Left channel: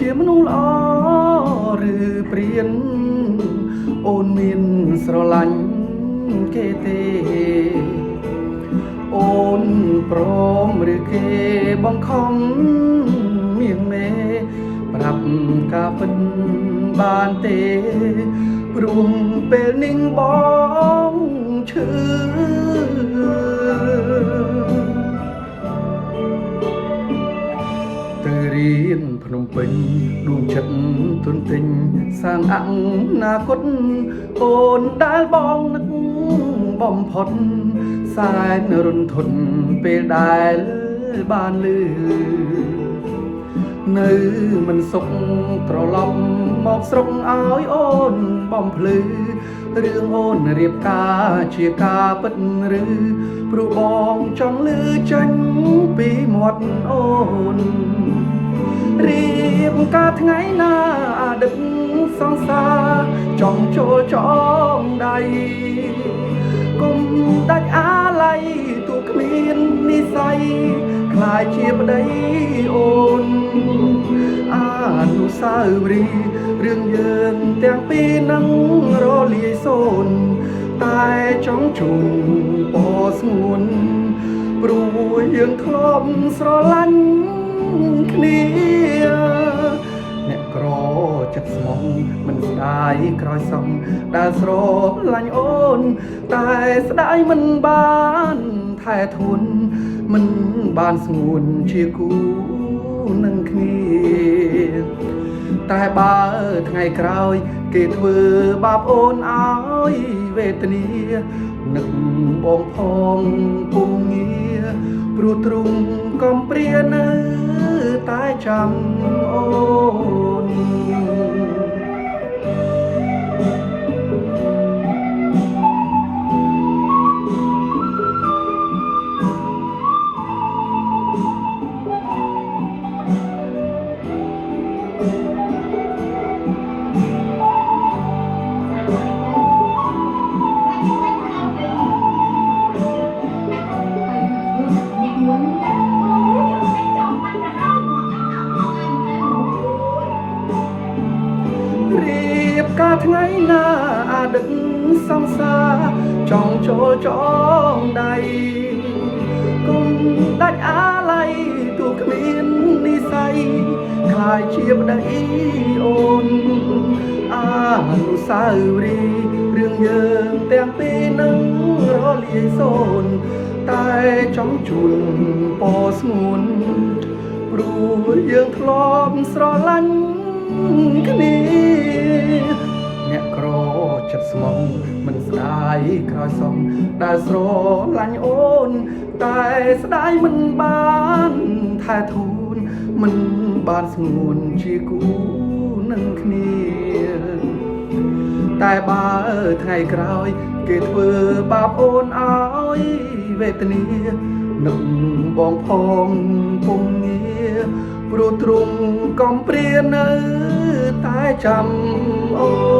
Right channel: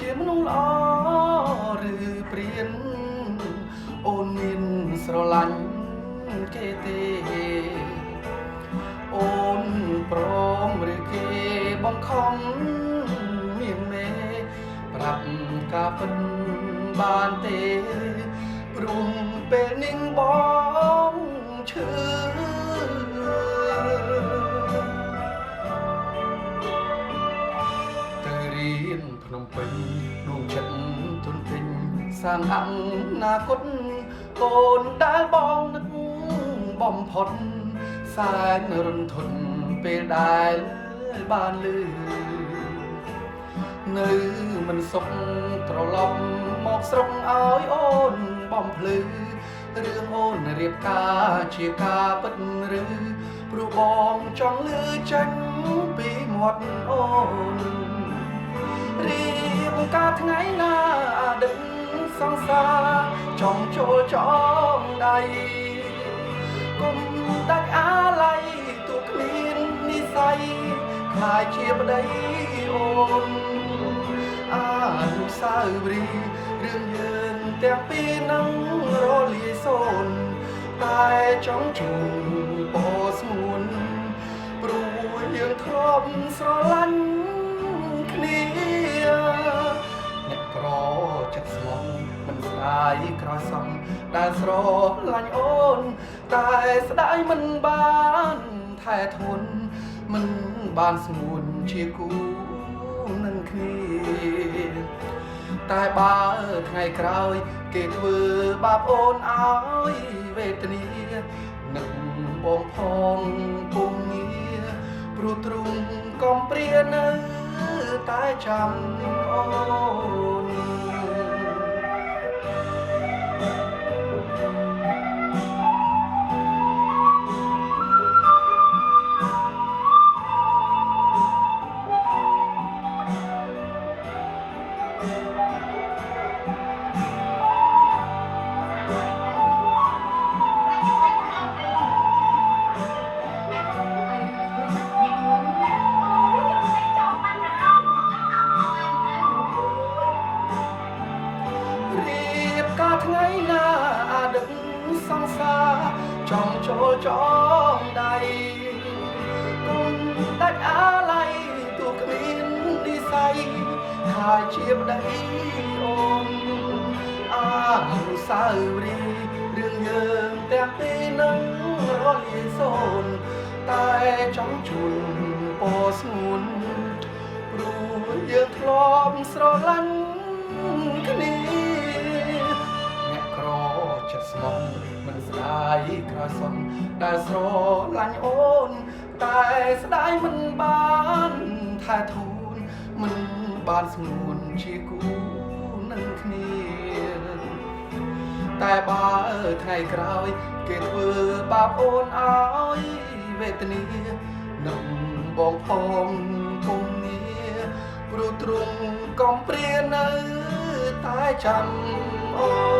ជាមនុស្សល្អឬព្រានអូនមានស្រឡាញ់គេទេអូនព្រមឬគេបង្ខំមៀងមេប្រាប់ការពិតបានទេព្រោះពេលនេះបងឈឺទៅរៀនភ្នំពេញដួងចិត្តទុនទិញសាងអនាគតអូនដែលបងនឹកបំផុតសែនរន្ធត់ពេលដែលបានលឺនៅមិនសុខត្រឡប់មកស្រុកឲ្យអូនបំភ្លឺរឿងអូនរៀបការជាការពិតឬព្រោះបងចង់លឺចេញពីមាត់អូនរៀបការថ្ងៃណាអតីតសង្សារចង់ចូលចងដៃគុំដាច់អាឡ័យទូគ្មាននិស័យខ្លាយជាប្តីអូនអនុស្សាវរីយ៍រឿងយើងទាំងពីរនឹងរលាយសូន្យតែចង់ជូនពរស្ងួនព្រោះយើងធ្លាប់ស្រឡាញ់គ្នាអ្នកក្រចិត្តស្មងមិនស្ដាយក្រោយសងដែលស្រឡាញ់អូនតែស្ដាយមិនបានថែធួនមិនបានស្ងួនជាគូនឹងគ្នាតែបើថ្ងៃក្រោយគេធ្វើបាបអូនឲ្យវេទនានឹកបងផងពុំងារព្រោះទ្រង់កំព្រានៅតែចាំអូនការថ្ងៃណាអតីតសង្សារចង់ចូលចងដៃគុំដាច់អាឡ័យទូគ្មាននិស័យខ្លាយជាប្តីអូនអនុស្សាវរីយ៍រឿងយើងទាំងពីរនឹងរលាយសូន្យតែចង់ជូនពរស្ងួនព្រោះយើងធ្លាប់ស្រឡាញ់គ្នាអ្នកក្រចិត្តស្មងមិនស្ដាយក្រោយសងដែលស្រឡាញ់អូនតែស្ដាយមិនបានថែធូនមិនបានស្ងួនជាគូនឹងគ្នាតែបើថ្ងៃក្រោយគេធ្វើបាបអូនឲ្យវេទនានឹកបងផងពុំងារព្រោះទ្រង់កំព្រានៅតែចាំអូ